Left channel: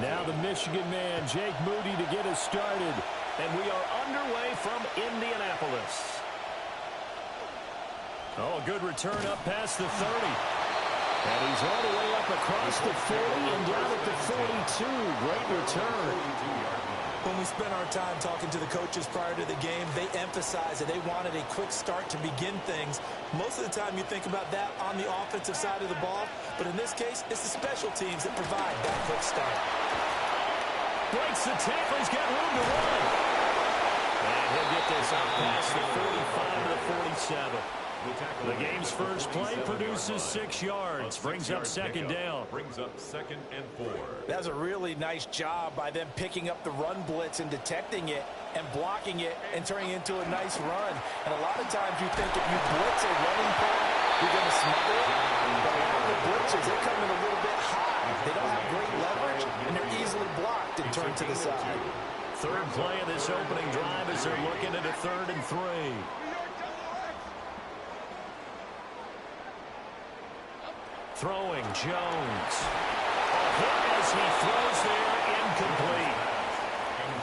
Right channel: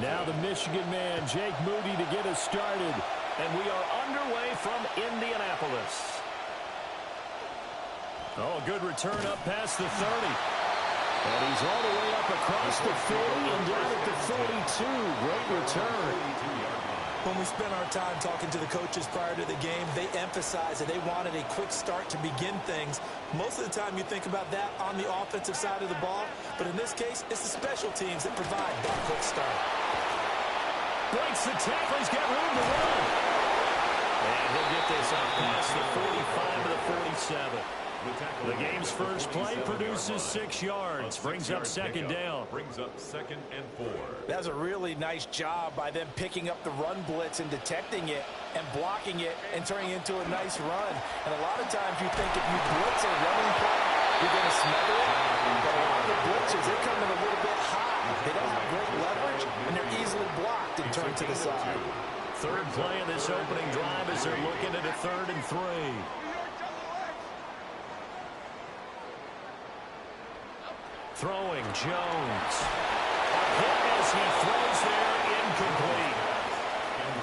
Now the Michigan man, Jake Moody, to get us started. And we are underway from Indianapolis. Oh, a good return up past the 30. And he's all the way up across the 40 and down at the 42. Great return. When we spent our time talking to the coaches prior to the game, they emphasized that they wanted a quick start to begin things. Most of the time you think about that on the offensive side of the ball, but in this case, it's the special teams that provide that quick start. Breaks the tackle. He's got room to run. And he'll get this up past the 45 to the 47. The game's first play produces 6 yards. Brings up second down. Brings up 2nd and 4. That's a really nice job by them picking up the run blitz and detecting it and blocking it and turning it into a nice run. And a lot of times you think if you blitz a running play, you're going to smother it. But a lot of the blitzes, they come in a little bit high. They don't have great leverage, and they're easily blocked and turned to the side. Third play of this opening drive as they're looking at a 3rd and 3. Throwing, Jones. A hit as he throws there, incomplete.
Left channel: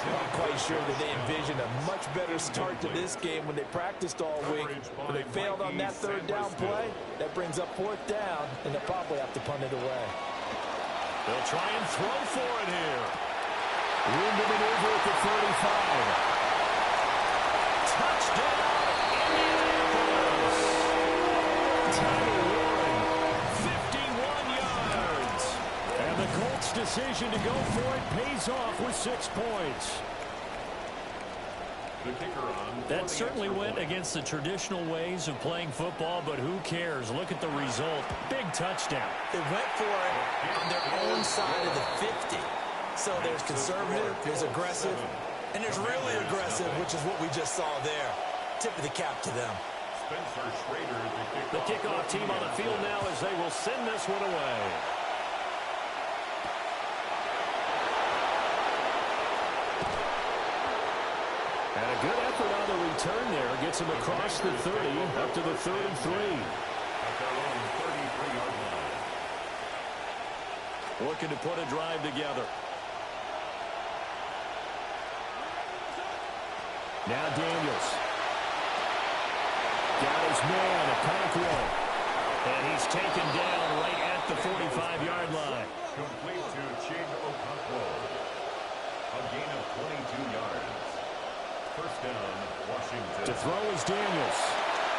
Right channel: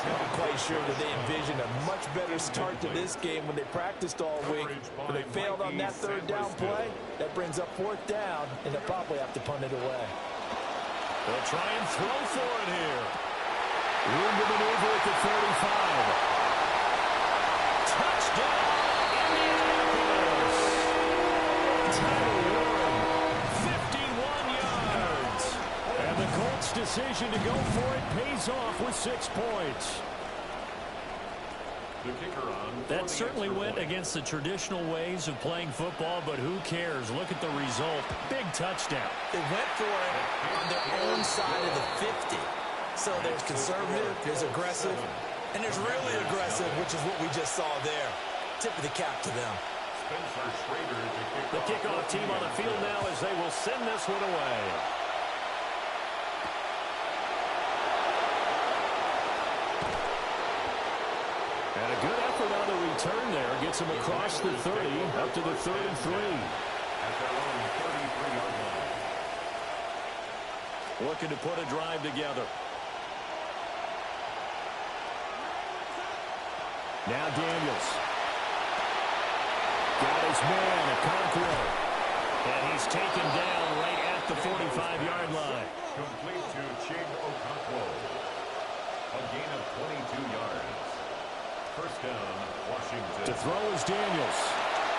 I'm quite sure that they envisioned a much better start to this game when they practiced all week. But they failed on that 3rd down play. That brings up 4th down, and they'll probably have to punt it away. They'll try and throw for it here. Room to maneuver at the 35. Touchdown, Indianapolis. Tyler Warren, 51 yards. And the Colts' decision to go for it pays off with 6 points. The kicker on. That certainly went against the traditional ways of playing football, but who cares? Look at the result. Big touchdown. They went for it on their own side of the 50. So there's conservative, there's aggressive, and there's really aggressive, which is what we just saw there. Tip of the cap to them. The kickoff team on the field now as they will send this one away. And a good effort on the return there. Gets him across the 30, up to the 3rd and 3. At their own 33-yard line. Looking to put a drive together. Now Daniels. Got his man, Okonkwo. And he's taken down right at the 45-yard line. Complete to Chig Okonkwo. A gain of 22 yards. First down, Washington. To throw is Daniels.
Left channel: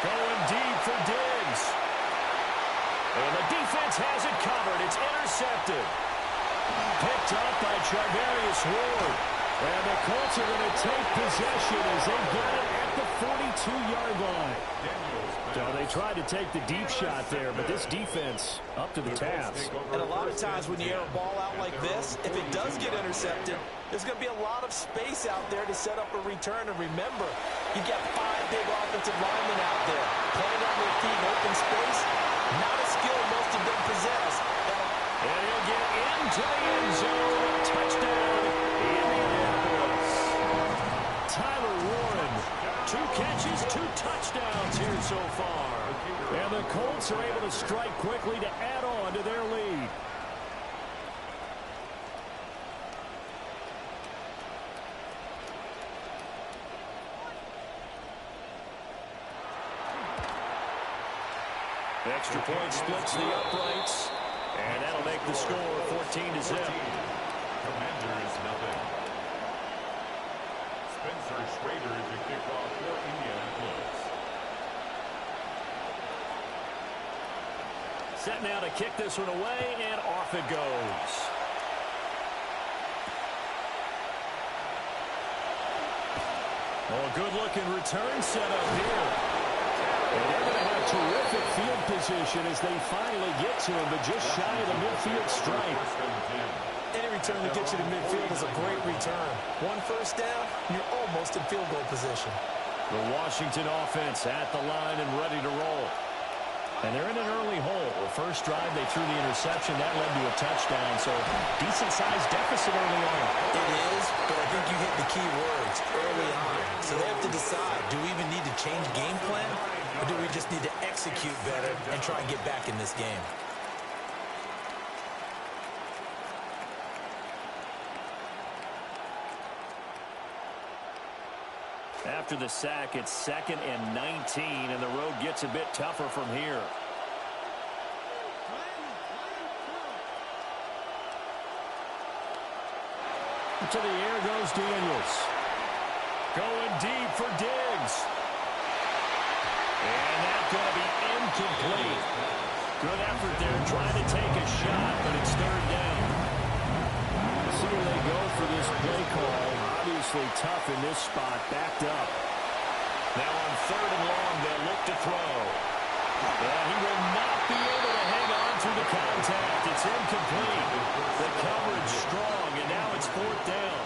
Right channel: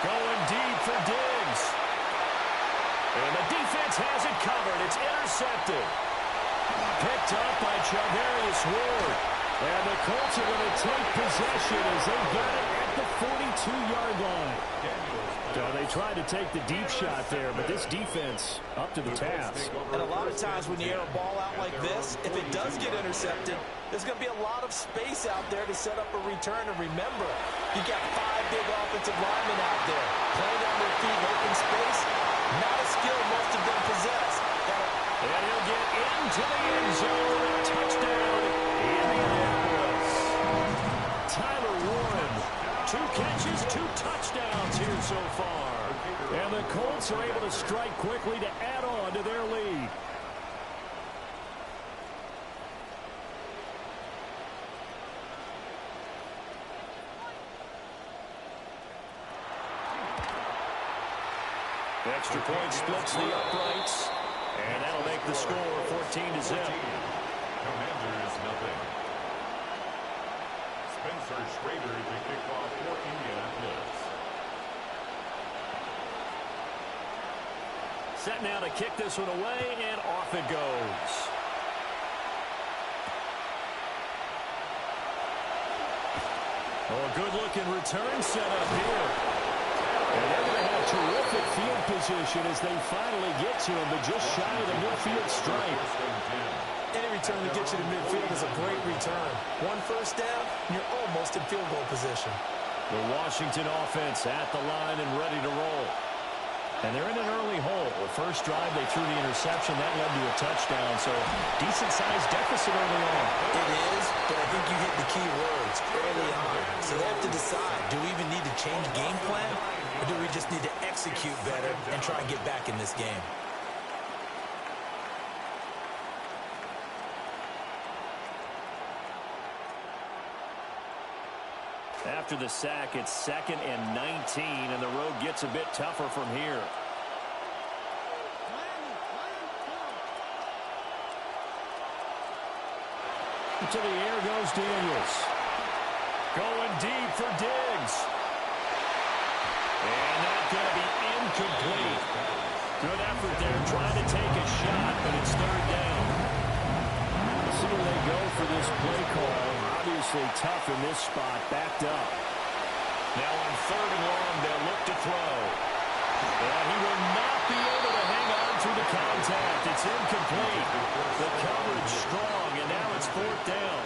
Going deep for Diggs. And the defense has it covered. It's intercepted. Picked up by Charvarius Ward. And the Colts are going to take possession as they got it at the 42-yard line. So they tried to take the deep shot there, but this defense up to the task. And a lot of times when you air a ball out like this, if it does get intercepted, there's going to be a lot of space out there to set up a return. And remember, you've got 5 big offensive linemen out there playing on their feet in open space. Not a skill most of them possess. And he'll get into the end zone. Touchdown, Indianapolis. Tyler Warren, 2 catches, 2 touchdowns here so far. And the Colts are able to strike quickly to add on to their lead. Extra point splits the uprights. And that'll make the score 14-0. Commanders nothing. Spencer Schrader to kick off for Indianapolis. Set now to kick this one away, and off it goes. Oh, a good-looking return set up here. And they're going to have terrific field position as they finally get to him, but just shy of the midfield stripe. Any return that gets you to midfield is a great return. 1 first down, and you're almost in field goal position. The Washington offense at the line and ready to roll. And they're in an early hole. The first drive, they threw the interception. That led to a touchdown, so decent-sized deficit early on. It is, but I think you hit the key words early on. So they have to decide, do we even need to change game plan, or do we just need to execute better and try and get back in this game? After the sack, it's 2nd and 19, and the road gets a bit tougher from here. To the air goes Daniels. Going deep for Diggs. And that's going to be incomplete. Good effort there trying to take a shot, but it's 3rd down. Let's see where they go for this play call. Obviously tough in this spot, backed up. Now on 3rd and long, they'll look to throw. And he will not be able to hang on through the contact. It's incomplete. The coverage strong, and now it's 4th down.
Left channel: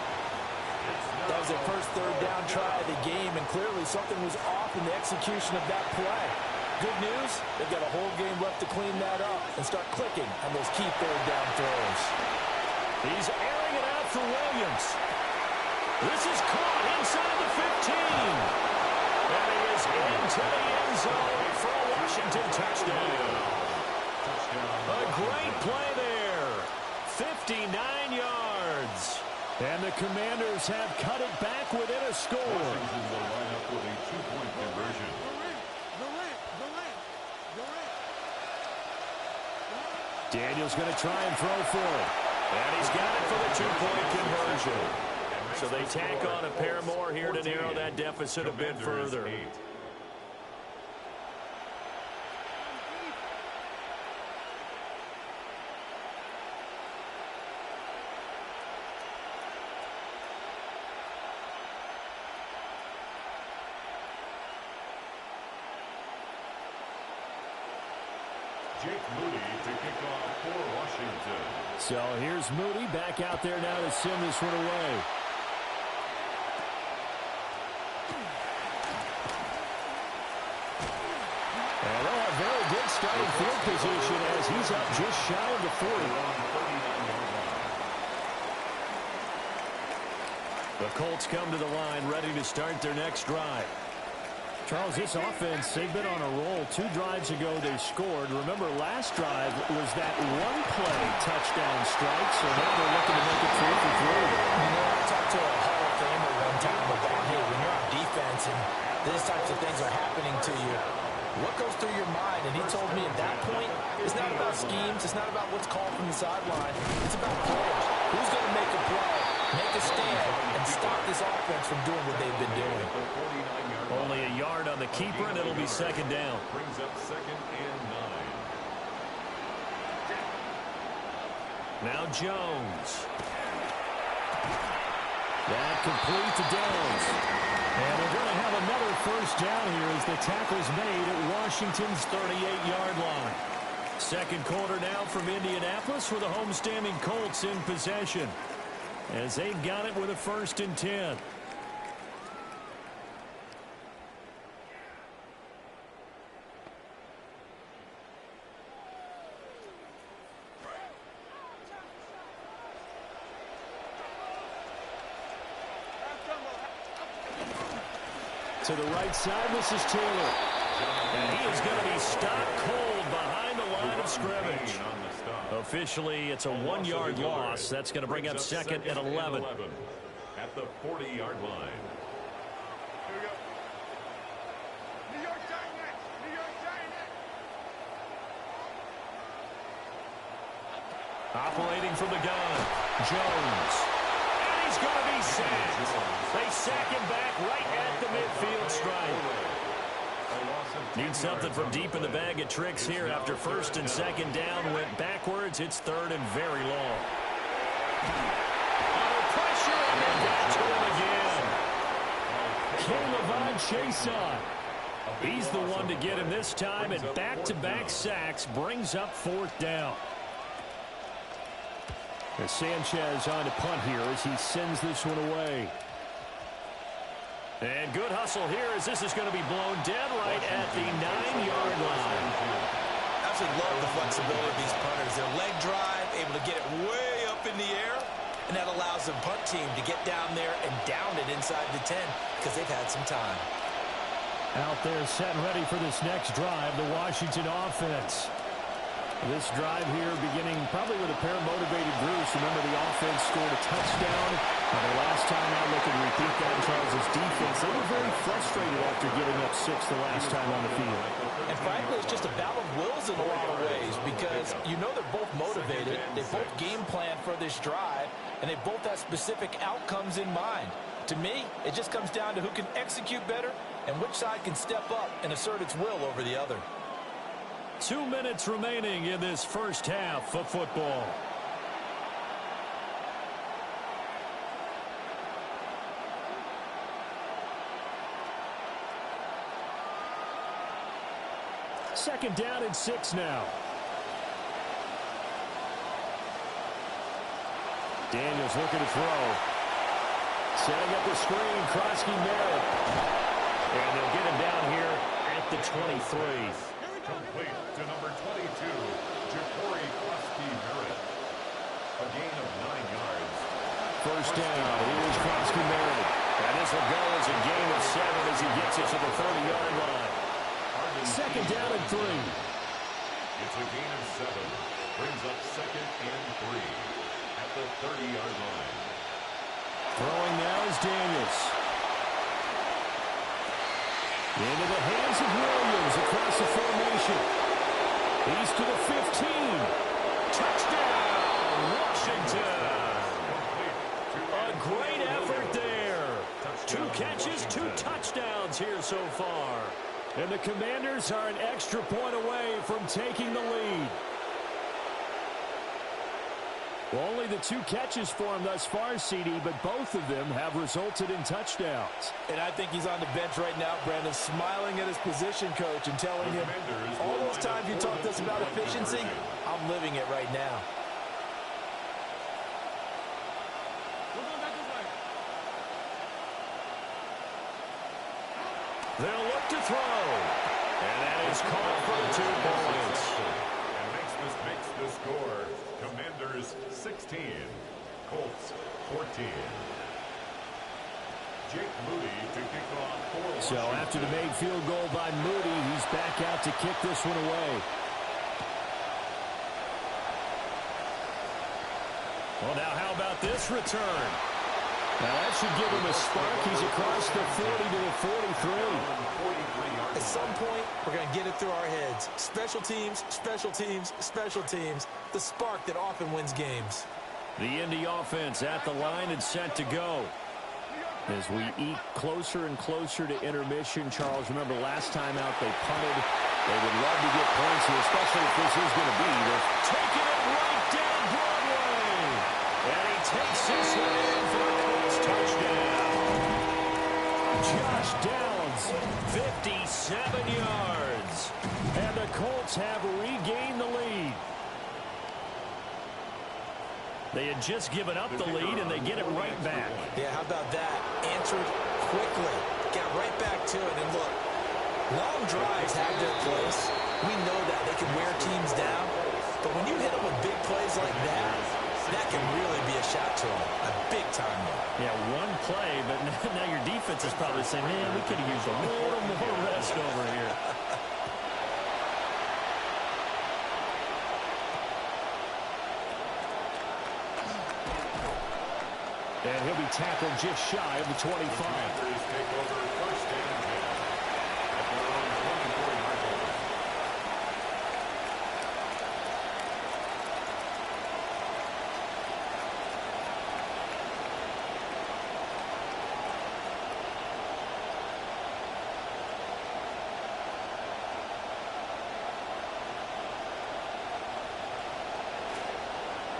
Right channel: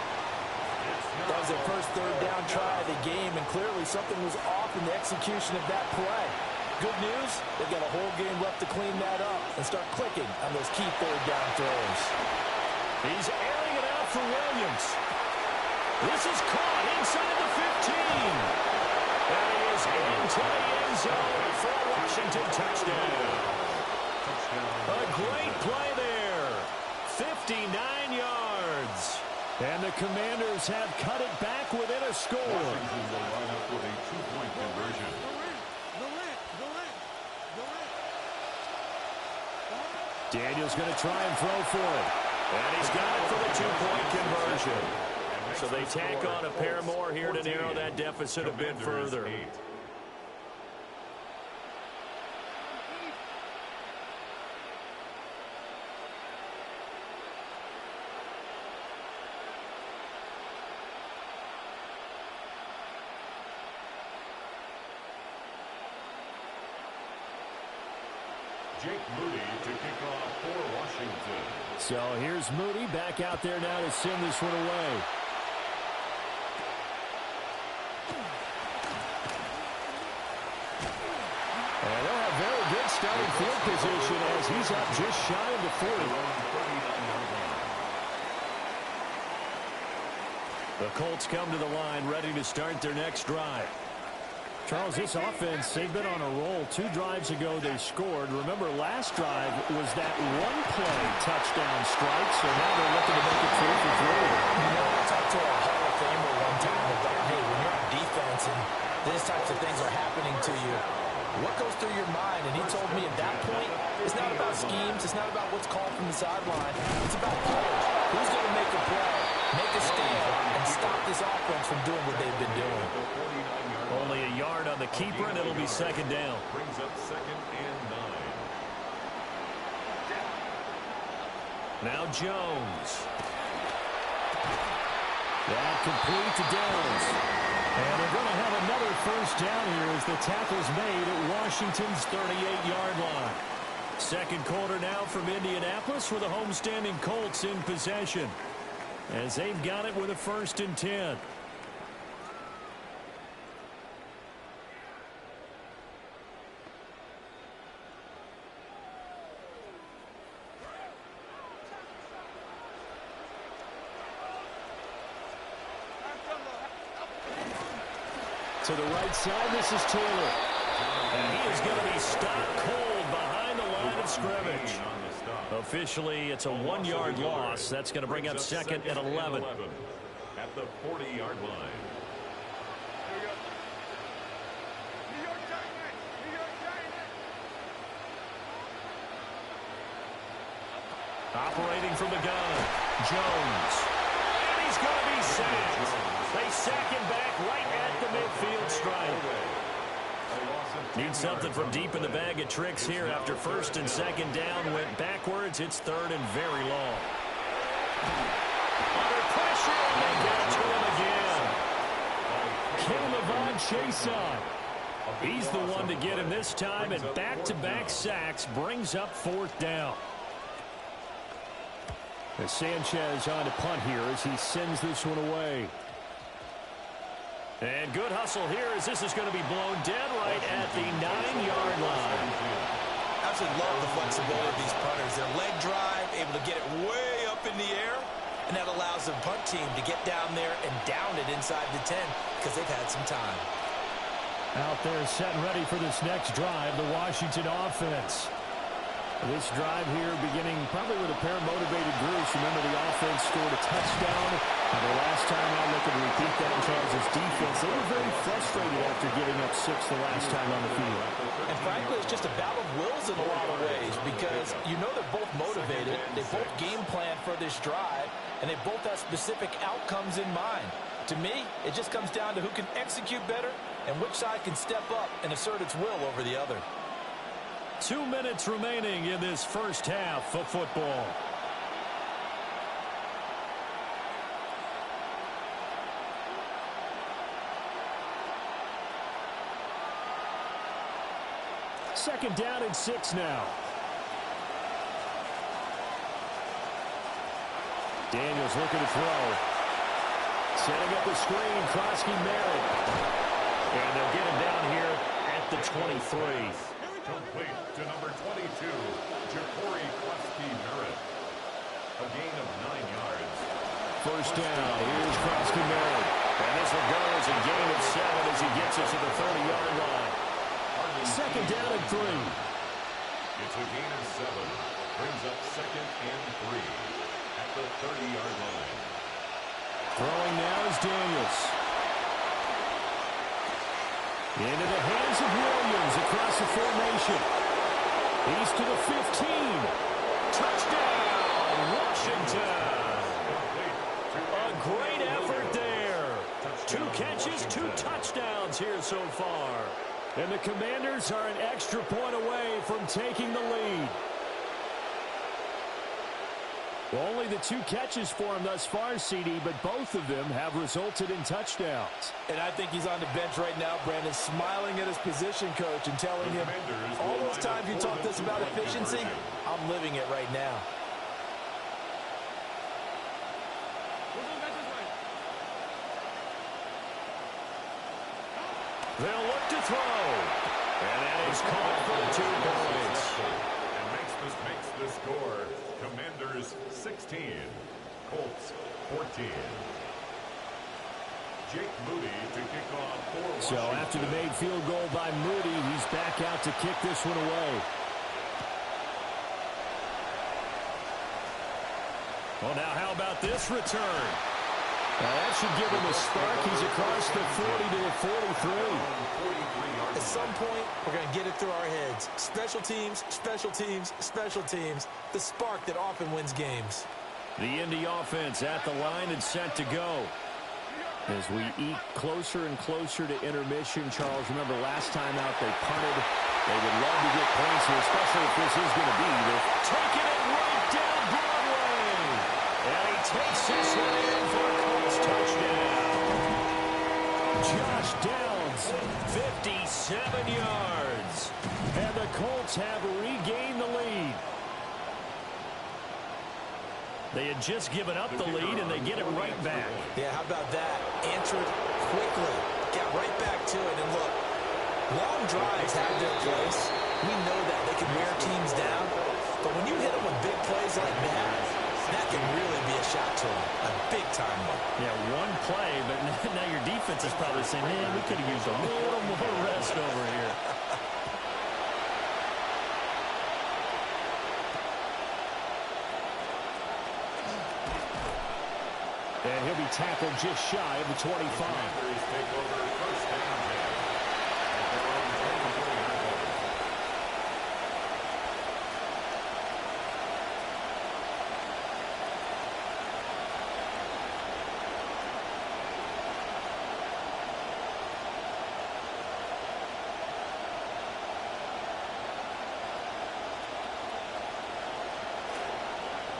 That was their first 3rd down try of the game, and clearly something was off in the execution of that play. Good news, they've got a whole game left to clean that up and start clicking on those key 3rd down throws. He's airing it out for Williams. This is caught inside the 15. And he is into the end zone for a Washington touchdown. A great play there. 59 yards. And the Commanders have cut it back within a score. Washington will line up with a 2-point conversion. Daniels going to try and throw for it. And he's got it for the 2-point conversion. So they tack on a pair more here to narrow that deficit a bit further. Jake Moody to kick off for Washington. So here's Moody back out there now to send this one away. And they'll have very good starting field position as he's up just shy of the 40. The Colts come to the line ready to start their next drive. Charles, this offense, they've been on a roll. 2 drives ago, they scored. Remember, last drive was that one-play touchdown strike, so now they're looking to make it 3 for 3. You know, I talked to a Hall of Famer one time about, hey, when you're on defense and these types of things are happening to you, what goes through your mind? And he told me at that point, it's not about schemes. It's not about what's called from the sideline. It's about players. Who's going to make a play, make a stand, and stop this offense from doing what they've been doing? Only a yard on the keeper, and it'll be 2nd down. Brings up 2nd and 9. Now Jones. That complete to Downs. And they're going to have another 1st down here as the tackle's made at Washington's 38-yard line. 2nd quarter now from Indianapolis with the homestanding Colts in possession as they've got it with a 1st and 10. To the right side, this is Taylor. And he is going to be stopped cold behind the line of scrimmage. Officially, it's a 1-yard loss. That's going to bring up 2nd and 11. At the 40-yard line. Here we go. New York Giants. New York Giants. Operating from the gun, Jones. And he's going to be sacked. They sack him back right at the midfield stripe. Need something from deep in the bag of tricks here after 1st and 2nd down went backwards. It's 3rd and very long. Under pressure, and they got to him again. Caleb Chason. He's the one to get him this time, and back-to-back sacks brings up 4th down. As Sanchez on to punt here as he sends this one away. And good hustle here as this is going to be blown dead right at the 9-yard line. I absolutely love the flexibility of these punters. Their leg drive, able to get it way up in the air, and that allows the punt team to get down there and down it inside the 10 because they've had some time. Out there set and ready for this next drive, the Washington offense. This drive here beginning probably with a pair of motivated groups. Remember, the offense scored a touchdown The last time out, looking to repeat that in Charles' defense, they were very frustrated after giving up 6 the last time on the field. And frankly, it's just a battle of wills in a lot of ways because you know they're both motivated, they both game plan for this drive, and they both have specific outcomes in mind. To me, it just comes down to who can execute better and which side can step up and assert its will over the other. 2 minutes remaining in this first half of football. Second down and 6 now. Daniels looking to throw. Setting up the screen, Krosky Merritt. And they'll get him down here at the 23. Complete to number 22, Ja'Cory Krosky Merritt. A gain of 9 yards. First down, here's Krosky Merritt. And this will go as a gain of 7 as he gets it to the 30-yard line. Second down and 3. It's a gain of 7. Brings up second and 3 at the 30-yard line. Throwing now is Daniels. Into the hands of Williams across the formation. He's to the 15. Touchdown, Washington. A great effort there. 2 catches, 2 touchdowns here so far. And the Commanders are an extra point away from taking the lead. Only the 2 catches for him thus far, CD, but both of them have resulted in touchdowns. And I think he's on the bench right now, Brandon, smiling at his position coach and telling him, all those times you talked to us about efficiency, I'm living it right now. They'll look to throw. And that is caught for the 2 points. And makes the score. Commanders 16. Colts 14. Jake Moody to kick off for Washington. So after the made field goal by Moody, he's back out to kick this one away. Well, now how about this return? Now that should give him a spark. He's across the 40 to the 43. At some point, we're going to get it through our heads. Special teams, special teams, special teams. The spark that often wins games. The Indy offense at the line and set to go. As we eat closer and closer to intermission, Charles, remember last time out they punted. They would love to get points here, especially if this is going to be. They're taking it right down Broadway. And he takes this one in for a Colts touchdown. Josh Downs, 57 yards. And the Colts have regained the lead. They had just given up the lead, and they get it right back. Yeah, how about that? Answered quickly. Got right back to it. And look, long drives have their place. We know that. They can wear teams down. But when you hit them with big plays like that, that can really be a shot to them. A big-time one. Yeah, one play, but now your defense is probably saying, man, we could have used a little more rest over here. And he'll be tackled just shy of the 25. The Commanders take over first and 10 at their own 24-yard line.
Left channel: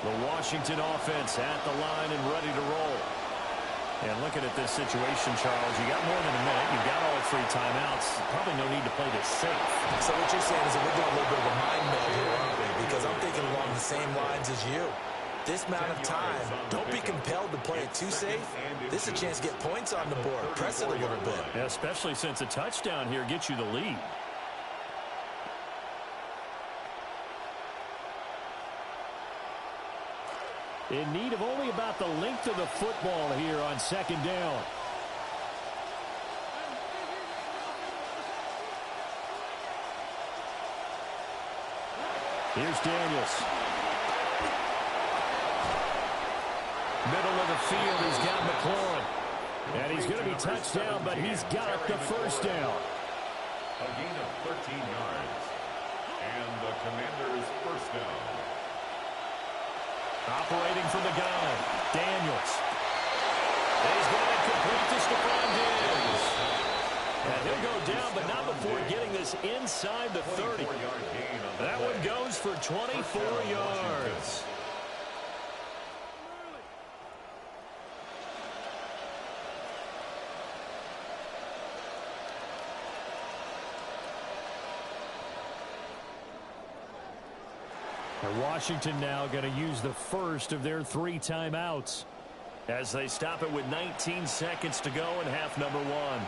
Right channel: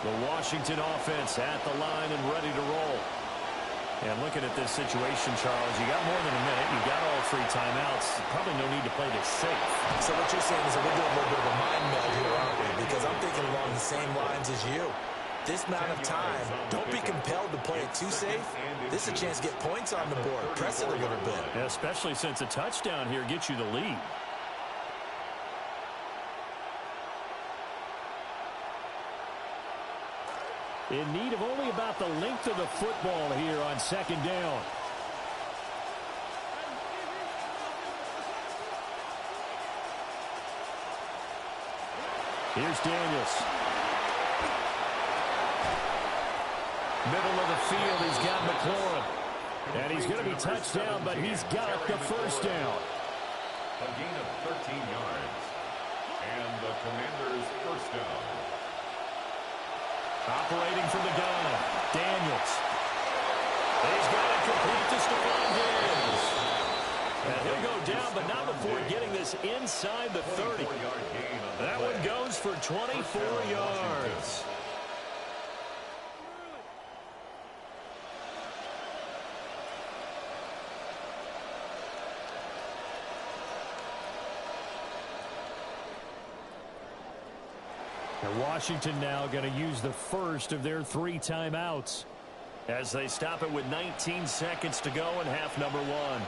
The Washington offense at the line and ready to roll. And looking at this situation, Charles, you got more than a minute. You've got all 3 timeouts. Probably no need to play this safe. So what you're saying is that we're doing a little bit of a mind meld here, aren't we? Because I'm thinking along the same lines as you. This amount of time, don't be compelled to play it too safe. This is a chance to get points on the board. Press it a little bit. Yeah, especially since a touchdown here gets you the lead. In need of only about the length of the football here on second down. Here's Daniels. Middle of the field, he's got McLaurin. And he's going to be touched down, but he's got the first down. A gain of 13 yards. And the Commanders' first down. Operating from the gun, Daniels. He's got it complete to Stephon Diggs. And he'll go down, but not before getting this inside the 30. That one goes for 24 yards. And Washington now going to use the first of their 3 timeouts as they stop it with 19 seconds to go in half number 1.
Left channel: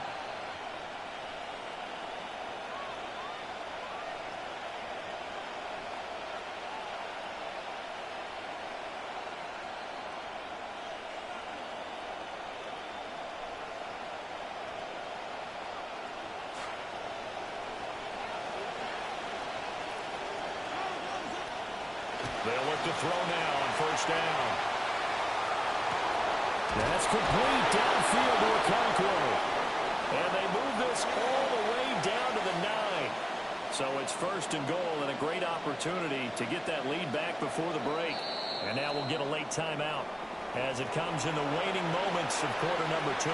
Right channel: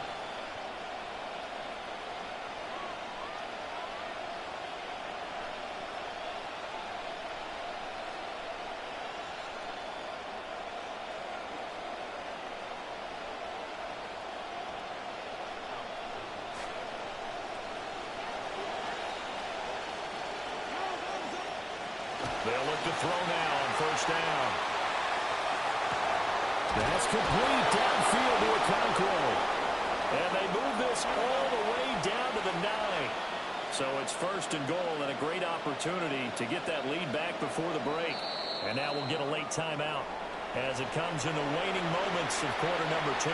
They'll look to throw now on first down. That's complete downfield to Okonkwo. And they move this all the way down to the 9. So it's first and goal and a great opportunity to get that lead back before the break. And now we'll get a late timeout as it comes in the waning moments of quarter number 2.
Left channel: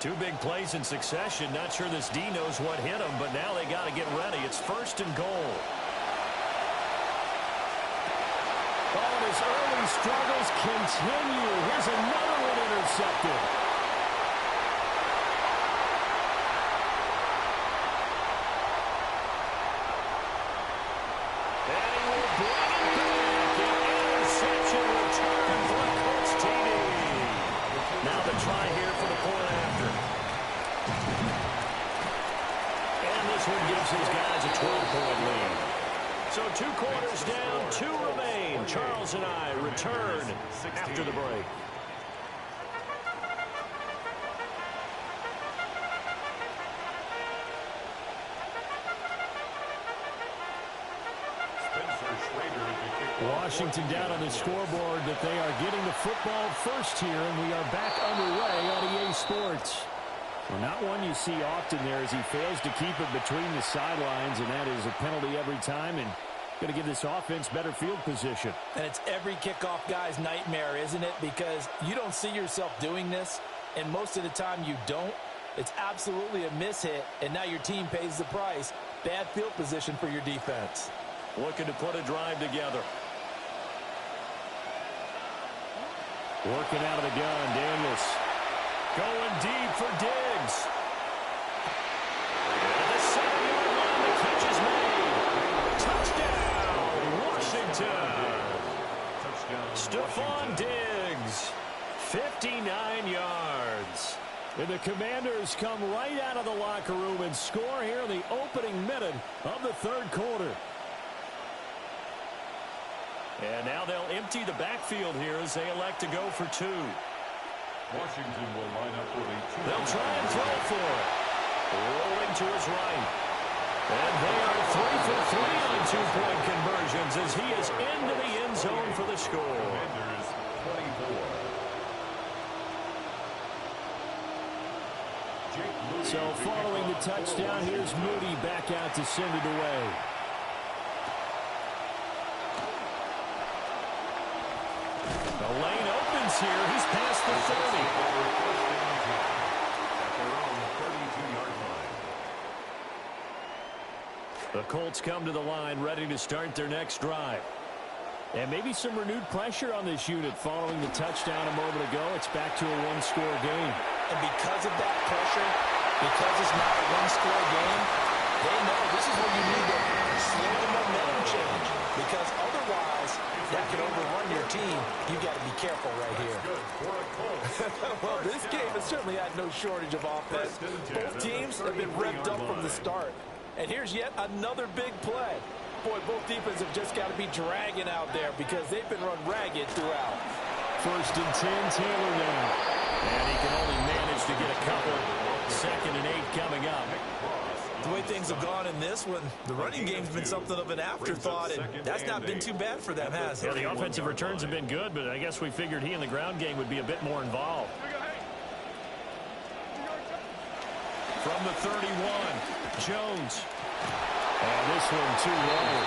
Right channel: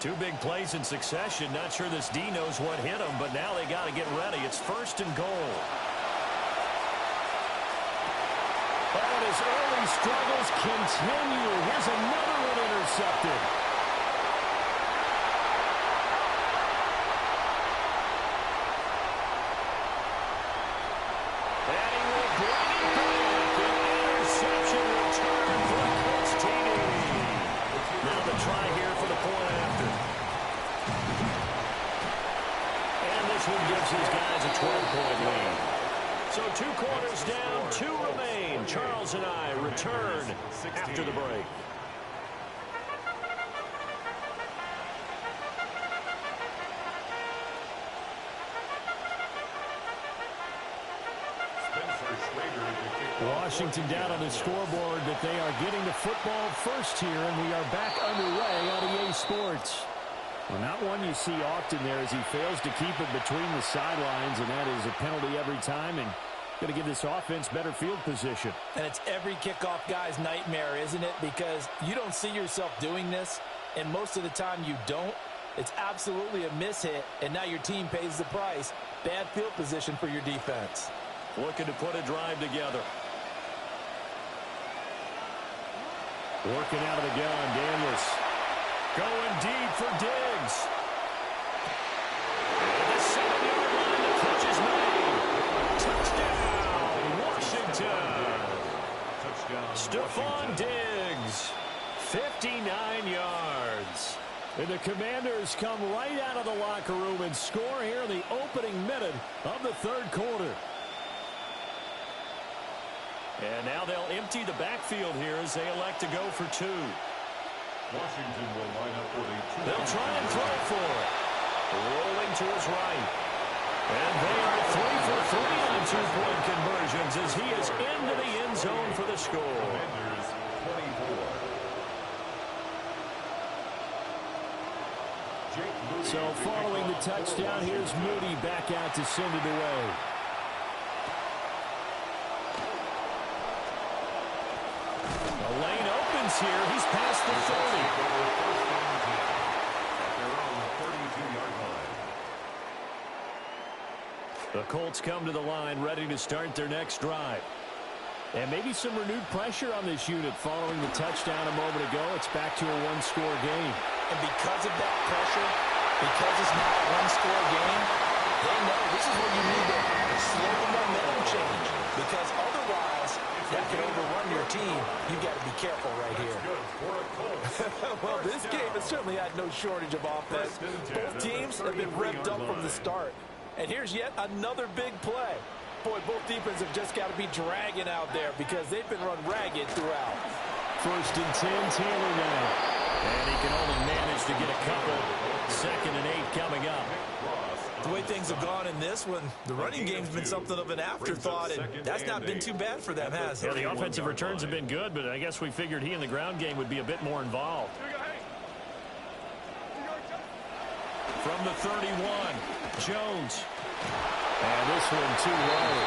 Two big plays in succession. Not sure this D knows what hit him, but now they got to get ready. It's first and goal. Oh, and his early struggles continue. Here's another one intercepted. And he will bring it back. An interception return for a Colts TD. Now the try here for the point after. And this one gives his guys a 12-point lead. So 2 quarters down, 2 remain. Charles and I return after the break. Washington down on the scoreboard, but they are getting the football first here, and we are back underway on EA Sports. Well, not one you see often there as he fails to keep it between the sidelines, and that is a penalty every time, and going to give this offense better field position. And it's every kickoff guy's nightmare, isn't it? Because you don't see yourself doing this, and most of the time you don't. It's absolutely a mishit, and now your team pays the price. Bad field position for your defense. Looking to put a drive together. Working out of the gun, Daniels. Going deep for Diggs. At the 7-yard line, the catch is made. Touchdown, Washington. Touchdown, Stephon Diggs, 59 yards. And the Commanders come right out of the locker room and score here in the opening minute of the 3rd quarter. And now they'll empty the backfield here as they elect to go for 2. Washington will line up for the 2. They'll try and throw for it. Rolling to his right. And they are 3 for 3 on 2-point conversions as he is into the end zone for the score. Commanders 24. So following the touchdown, here's Moody back out to send it away. The lane opens here. He's past the 30. At their own 32-yard line. The Colts come to the line ready to start their next drive. And maybe some renewed pressure on this unit following the touchdown a moment ago. It's back to a 1-score game. And because of that pressure, because it's not a 1-score game, they know this is where you need to slow the momentum change. Because otherwise, that could overrun your team. You've got to be careful right here. Well, this game has certainly had no shortage of offense. Both teams have been revved up from the start. And here's yet another big play. Boy, both defenses have just got to be dragging out there because they've been run ragged throughout. 1st and 10, Taylor now. And he can only manage to get a couple. 2nd and 8 coming up. The way things have gone in this one, the running game's been something of an afterthought, and that's not been too bad for them, has it? Yeah, the offensive returns have been good, but I guess we figured he in the ground game would be a bit more involved. From the 31, Jones. And this one too low.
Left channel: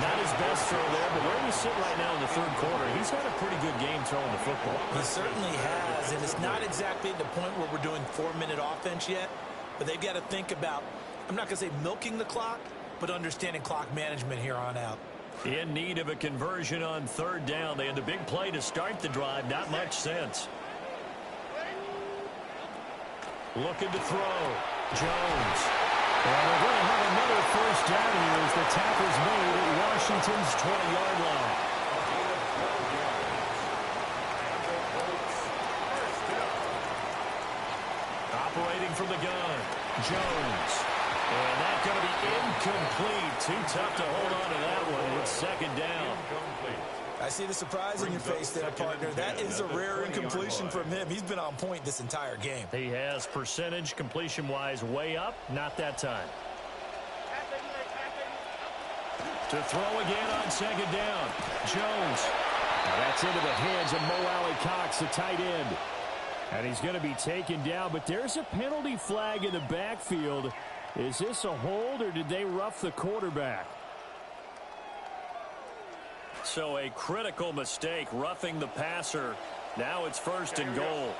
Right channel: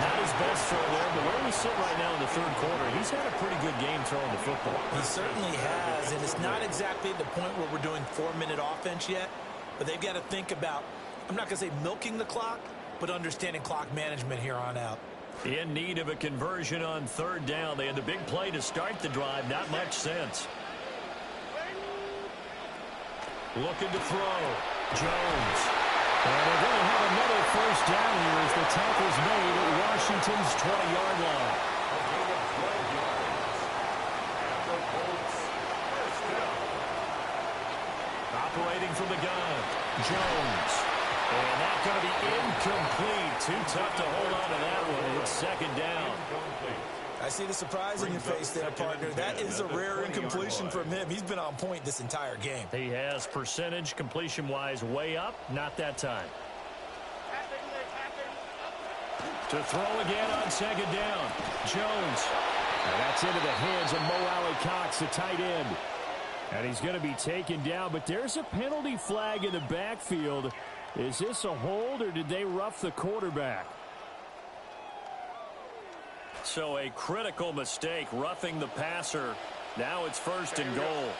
Not his best throw there, but where we sit right now in the 3rd quarter, he's had a pretty good game throwing the football. He certainly has, and it's not exactly at the point where we're doing 4-minute offense yet, but they've got to think about, I'm not going to say milking the clock, but understanding clock management here on out. In need of a conversion on 3rd down. They had the big play to start the drive. Not much sense. Looking to throw. Jones. And they're going to have another 1st down here as the tackle's made at Washington's 20-yard line. A gain of 12 yards. And the Colts first down. Operating from the gun. Jones. And that's going to be incomplete. Too tough to hold on to that one. It's 2nd down. Incomplete. I see the surprise in your face there, partner. That is a rare incompletion from him. He's been on point this entire game. He has percentage completion-wise way up. Not that time. To throw again on 2nd down. Jones. Now that's into the hands of Mo Alley-Cox, the tight end. And he's going to be taken down, but there's a penalty flag in the backfield. Is this a hold, or did they rough the quarterback? So a critical mistake, roughing the passer. Now it's 1st and goal.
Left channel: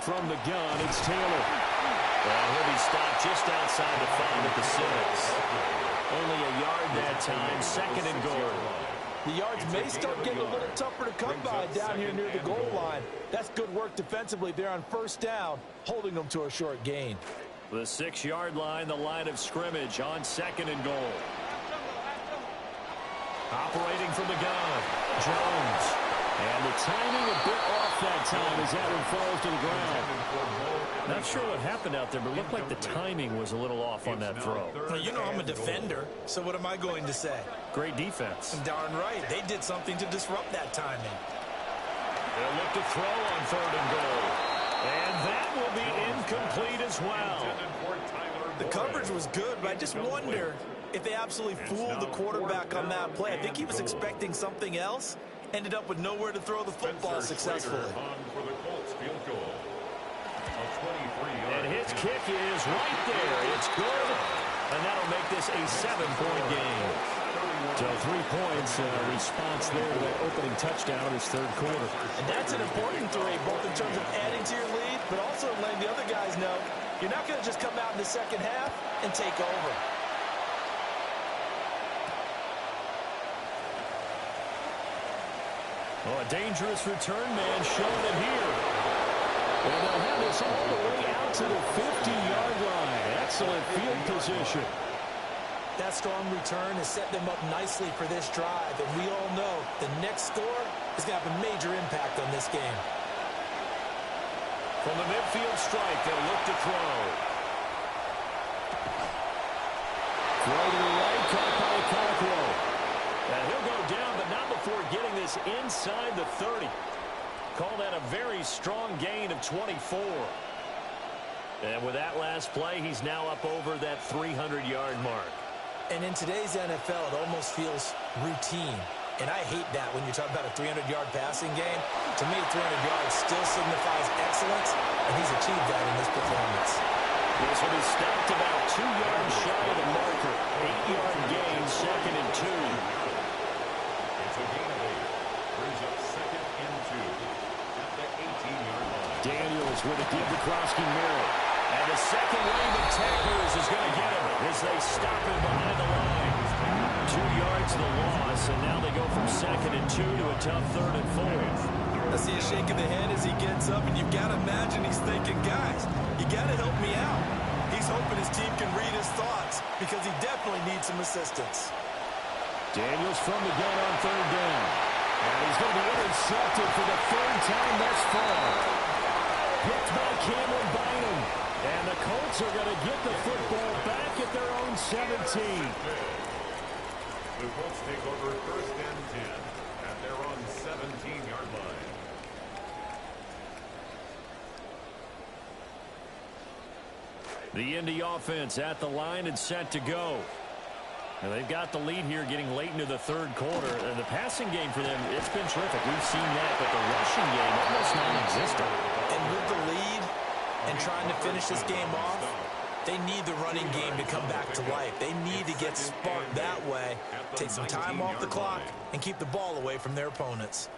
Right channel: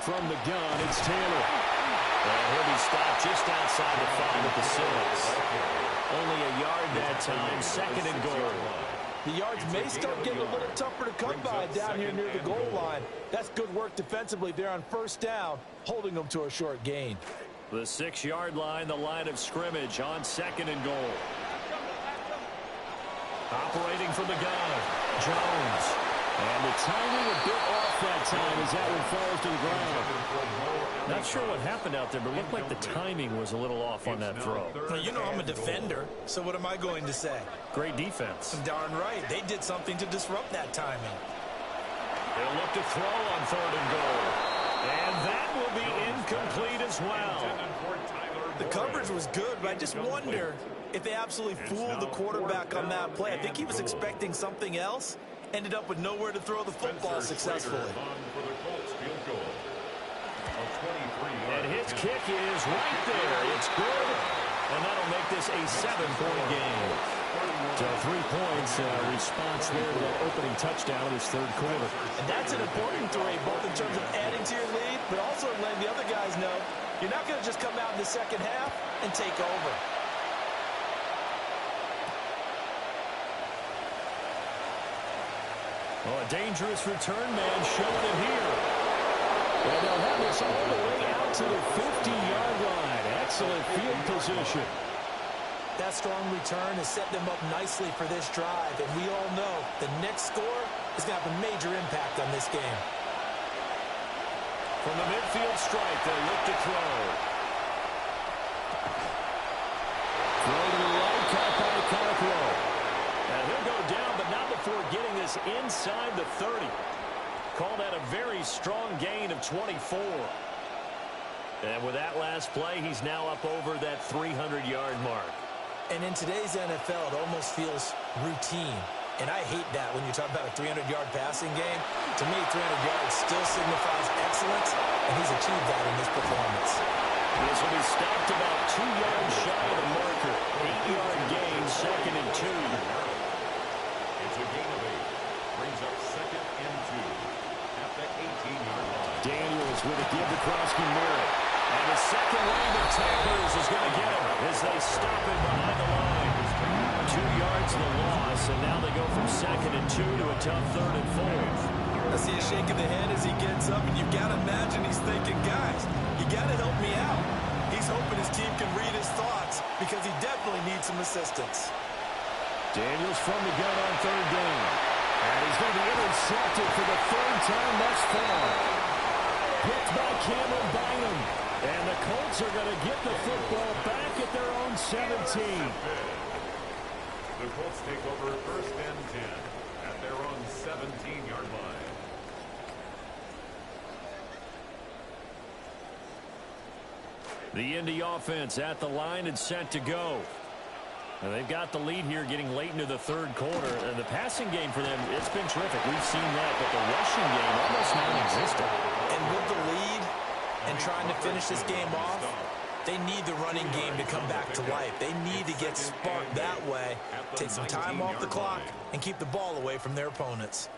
From the gun, it's Taylor. And he'll be stopped just outside the 5 at the 6. Only a yard that time, 2nd and goal. The yards may start getting a little tougher to come by down here near the goal line. That's good work defensively there on 1st down, holding them to a short gain. The 6-yard line, the line of scrimmage on 2nd and goal. Operating from the gun, Jones. And the timing a bit off that time as that one falls to the ground. Not sure what happened out there, but it looked like the timing was a little off on that throw. Well, you know I'm a defender, so what am I going to say? Great defense. Darn right. They did something to disrupt that timing. They'll look to throw on 3rd and goal. And that will be incomplete as well. The coverage was good, but I just wonder if they absolutely fooled the quarterback on that play. I think he was expecting something else. Ended up with nowhere to throw the football successfully. And his kick is right there. It's good. And that'll make this a 7-point game. So 3 points, response there to that opening touchdown of this 3rd quarter. And that's an important 3, both in terms of adding to your lead, but also letting the other guys know you're not going to just come out in the 2nd half and take over. Oh, a dangerous return man showing it here. And they'll have this all the way out to the 50-yard line. Excellent field position. That strong return has set them up nicely for this drive, and we all know the next score is going to have a major impact on this game. From the midfield stripe, they'll look to throw. Throw to the right, caught by Cockrell. And he'll go down, but not before getting this inside the 30. Call that a very strong gain of 24. And with that last play, he's now up over that 300-yard mark. And in today's NFL, it almost feels routine. And I hate that when you talk about a 300-yard passing game. To me, 300 yards still signifies excellence, and he's achieved that in this performance. This one is stopped about 2 yards shy of the marker. 8-yard gain, 2nd and 2. It's a gain of 8. Brings up 2nd and 2 at the 18-yard line. Daniels with a give to Krosky Merritt. And the second wave of tacklers is going to get him as they stop him behind the line. 2 yards the loss, and now they go from 2nd and 2 to a tough 3rd and 4. I see a shake of the head as he gets up, and you've got to imagine he's thinking, guys, you got to help me out. He's hoping his team can read his thoughts because he definitely needs some assistance. Daniels from the gun on 3rd down. And he's going to be intercepted for the 3rd time thus far. Picked by Cameron Bynum. And the Colts are going to get the football back at their own 17. The Colts take over 1st and 10 at their own 17-yard line. The Indy offense at the line and set to go. And they've got the lead here getting late into the 3rd quarter. And the passing game for them, it's been terrific. We've seen that, but the rushing game almost non-existent. And with the lead and trying to finish this game off, they need the running game to come back to life. They need to get sparked that way, take some time off the clock, and keep the ball away from their opponents.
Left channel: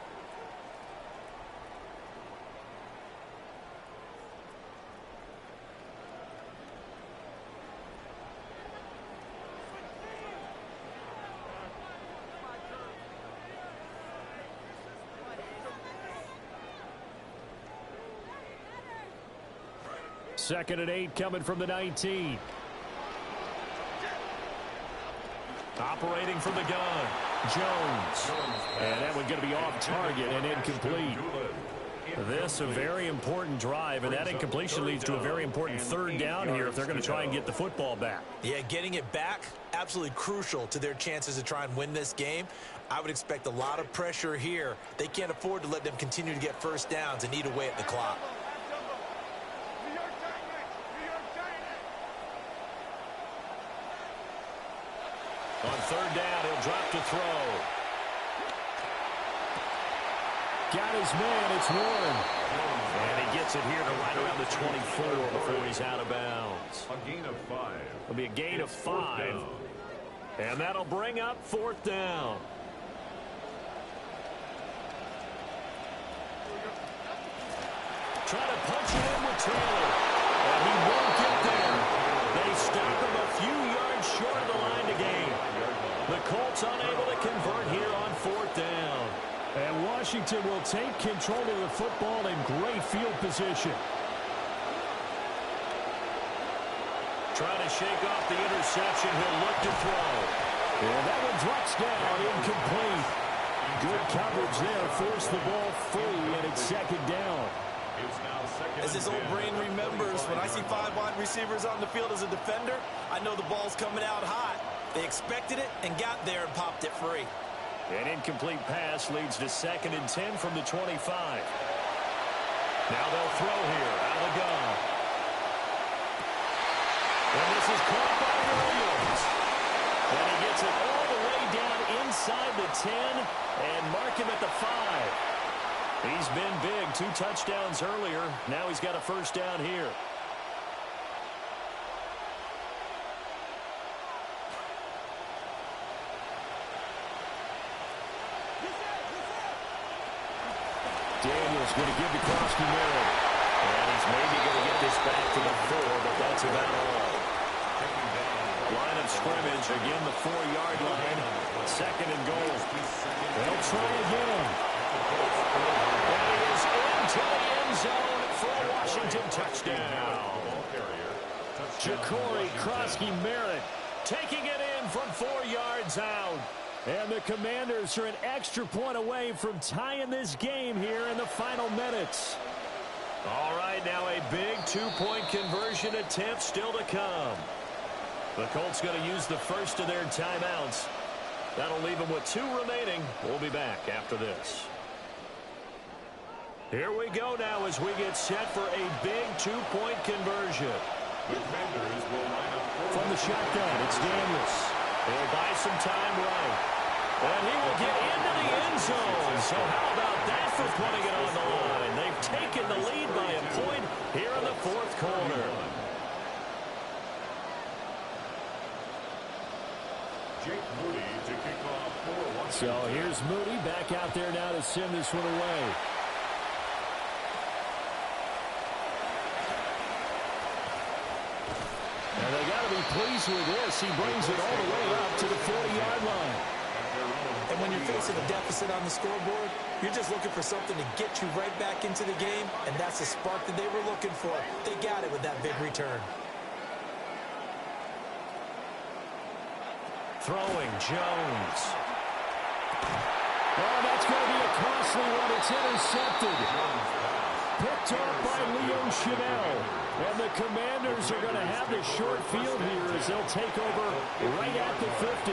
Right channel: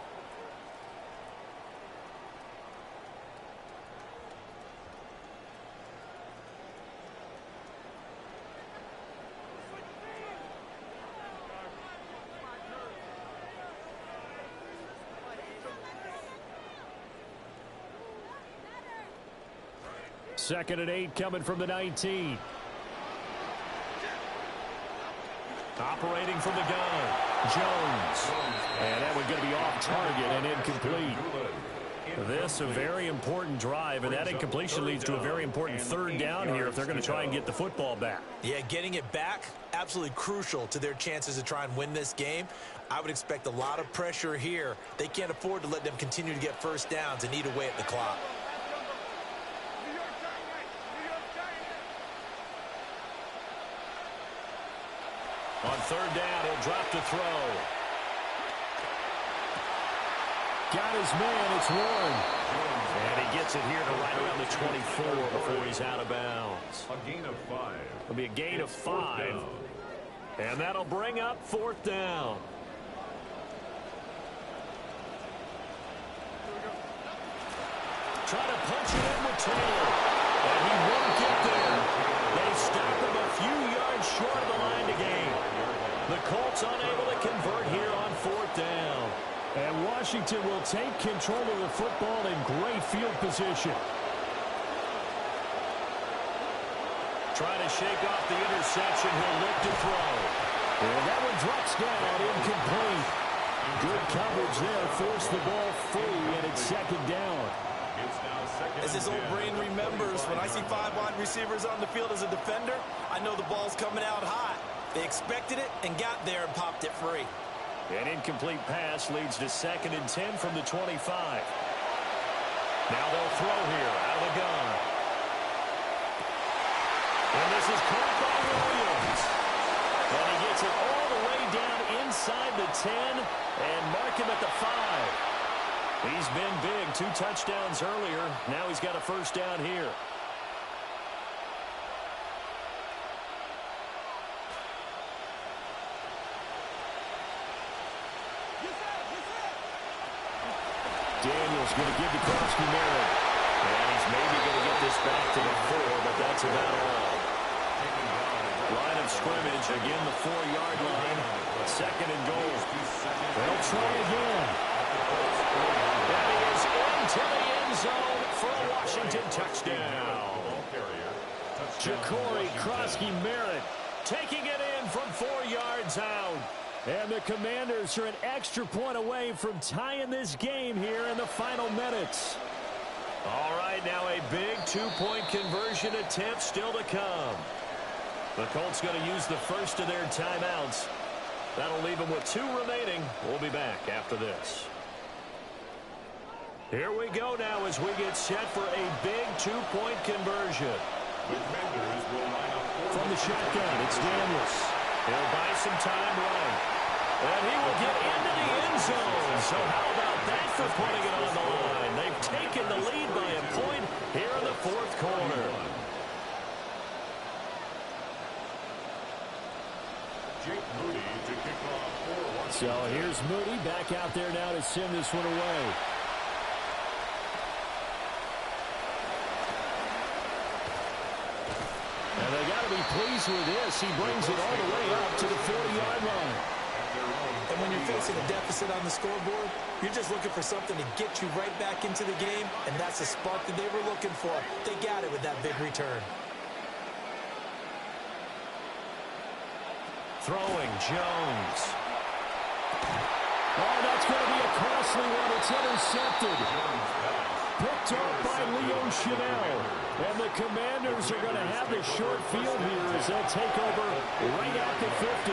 Second and 8 coming from the 19. Operating from the gun, Jones. And that one's going to be off target and incomplete. This a very important drive, and that incompletion leads to a very important 3rd down here if they're going to try and get the football back. Yeah, getting it back, absolutely crucial to their chances to try and win this game. I would expect a lot of pressure here. They can't afford to let them continue to get 1st downs and eat away at the clock. On 3rd down, he'll drop to throw. Got his man, it's Warren. And he gets it here to right around the 24 before he's out of bounds. A gain of 5. It'll be a gain of 5. And that'll bring up 4th down. Try to punch it in with Taylor. And he won't get there. They stop him a few yards short of the line to gain. The Colts unable to convert here on 4th down. And Washington will take control of the football in great field position. Trying to shake off the interception. He'll look to throw. And that one drops down, incomplete. Good coverage there. Forced the ball free, and it's 2nd down. As his old brain remembers, when I see 5 wide receivers on the field as a defender, I know the ball's coming out hot. They expected it and got there and popped it free. An incomplete pass leads to 2nd and 10 from the 25. Now they'll throw here out of the gun. And this is caught by Williams. And he gets it all the way down inside the 10 and mark him at the 5. He's been big, 2 touchdowns earlier. Now he's got a 1st down here. Daniels going to give to Krosky Merritt. And he's maybe going to get this back to the 4, but that's about all. Line of scrimmage, again the 4-yard line. 2nd and goal. They'll try again. And he is into the end zone for a Washington touchdown. Ja'Cory Krosky Merritt taking it in from 4 yards out. And the Commanders are an extra point away from tying this game here in the final minutes. All right, now a big 2-point conversion attempt still to come. The Colts going to use the first of their timeouts. That'll leave them with 2 remaining. We'll be back after this. Here we go now as we get set for a big 2-point conversion. The Commanders will line up from the shotgun. It's Daniels. He'll buy some time right. And he will get into the end zone. So how about that for putting it on the line? They've taken the lead by a point here in the 4th quarter. Jake Moody to kick off for Washington. So here's Moody back out there now to send this one away. And they got to be pleased with this. He brings it all the way up to the 40-yard line. And when you're facing a deficit on the scoreboard, you're just looking for something to get you right back into the game, and that's the spark that they were looking for. They got it with that big return. Throwing, Jones. Oh, that's going to be a costly one. It's intercepted. Picked off by Leo Chanel. And the Commanders are going to have the short field here as they'll take over right at the 50.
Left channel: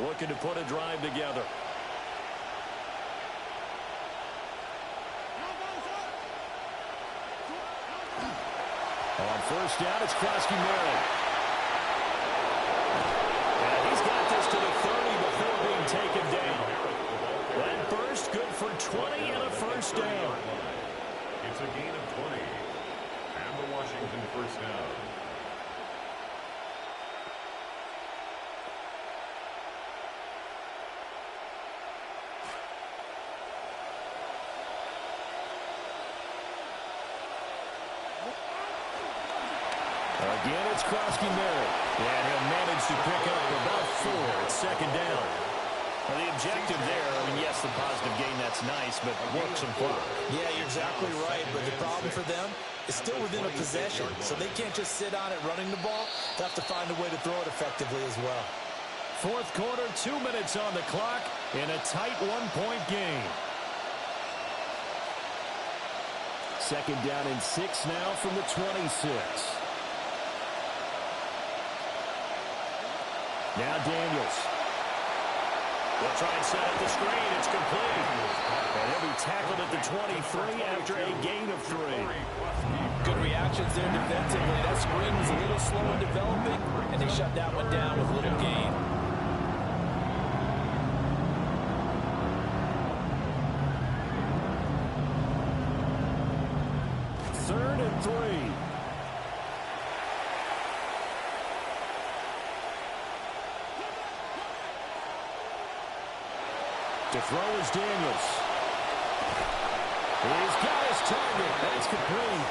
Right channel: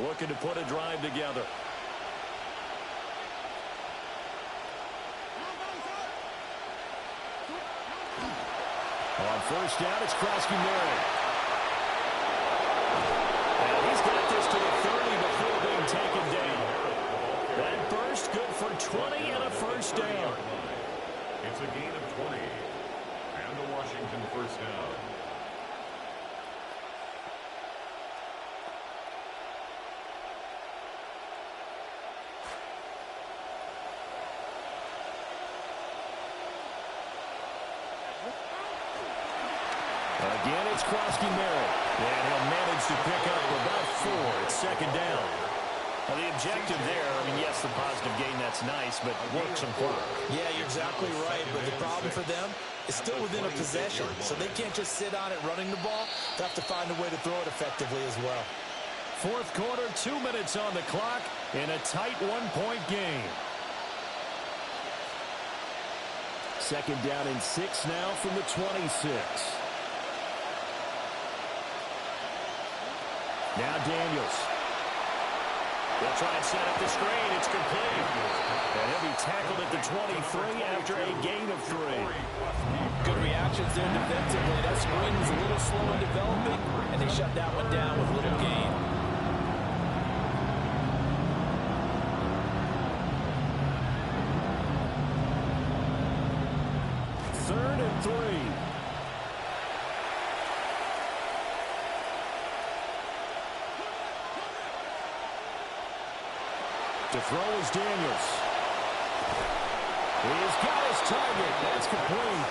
Looking to put a drive together. On first down, it's Krosky-Merritt. And he's got this to the 30 before being taken down. That burst good for 20 and a first down. It's a gain of 20. And the Washington first down. Again, it's Krosky-Merritt. And he'll manage to pick up about 4. It's second down. Well, the objective there, I mean, yes, the positive gain, that's nice, but work some clock. Yeah, you're exactly right, but the problem for them is still within a possession, so they can't just sit on it running the ball. They have to find a way to throw it effectively as well. Fourth quarter, 2 minutes on the clock in a tight 1-point game. Second down and 6 now from the 26. Now Daniels. They'll try and set up the screen. It's complete. And he'll be tackled at the 23 after a gain of 3. Good reactions there defensively. That screen was a little slow in developing, and they shut that one down with little gain. Third and 3. To throw is Daniels. He's got his target. That's complete.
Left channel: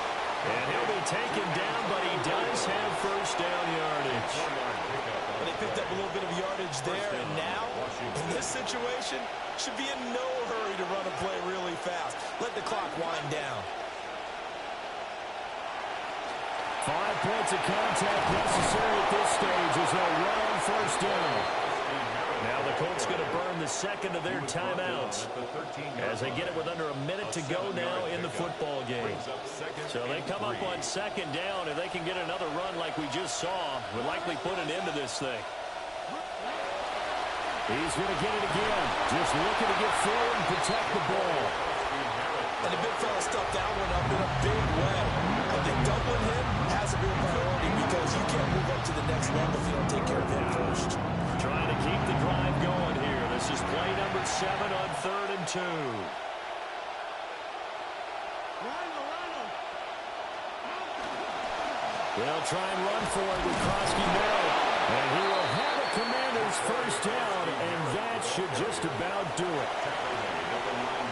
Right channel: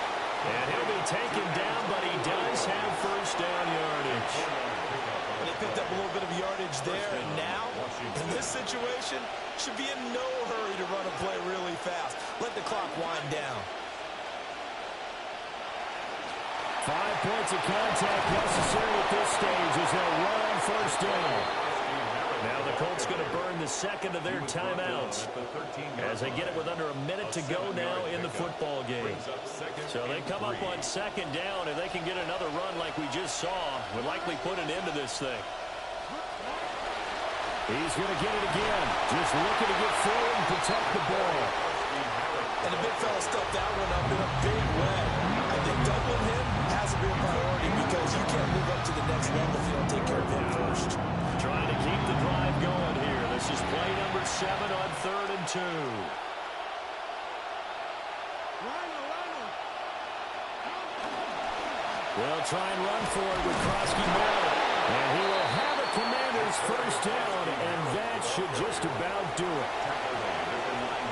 And he'll be taken down, but he does have first down yardage. But they picked up a little bit of yardage there, and now, in this situation, should be in no hurry to run a play really fast. Let the clock wind down. 5 points of contact necessary at this stage as they'll run on first down. Now the Colts going to burn the second of their timeouts as they get it with under a minute to go now in the football game. So they come up on second down. If they can get another run like we just saw, would likely put an end to this thing. He's going to get it again. Just looking to get forward and protect the ball. And the big fella stuffed that one up in a big way. I think doubling him has to be a priority because you can't move up to the next level if you don't take care of him first. Trying to keep the drive going here. This is play number 7 on 3rd and 2. They'll try and run for it with Krosky-Merritt. And he will have a Commander's first down, and that should just about do it.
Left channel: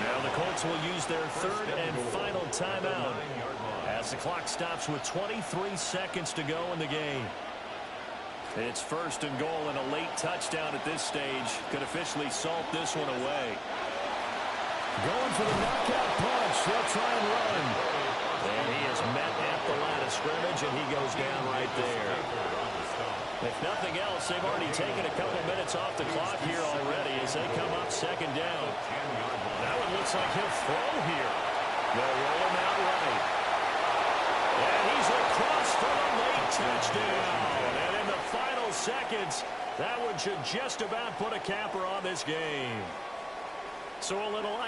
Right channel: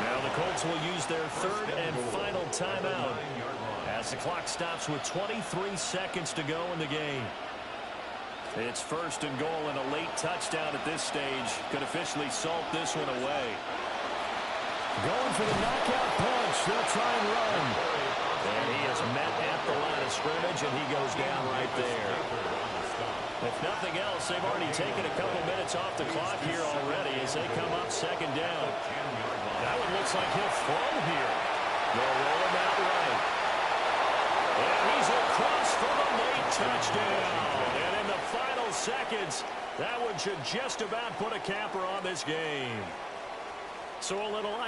Now the Colts will use their 3rd and final timeout as the clock stops with 23 seconds to go in the game. It's 1st and goal, and a late touchdown at this stage could officially salt this one away. Going for the knockout punch. They'll try and run. And he is met at the line of scrimmage, and he goes down right there. If nothing else, they've already taken a couple minutes off the clock here already as they come up second down. That one looks like he'll throw here. They'll roll him out right. And he's across for the late touchdown. And in the final seconds, that one should just about put a capper on this game. So a little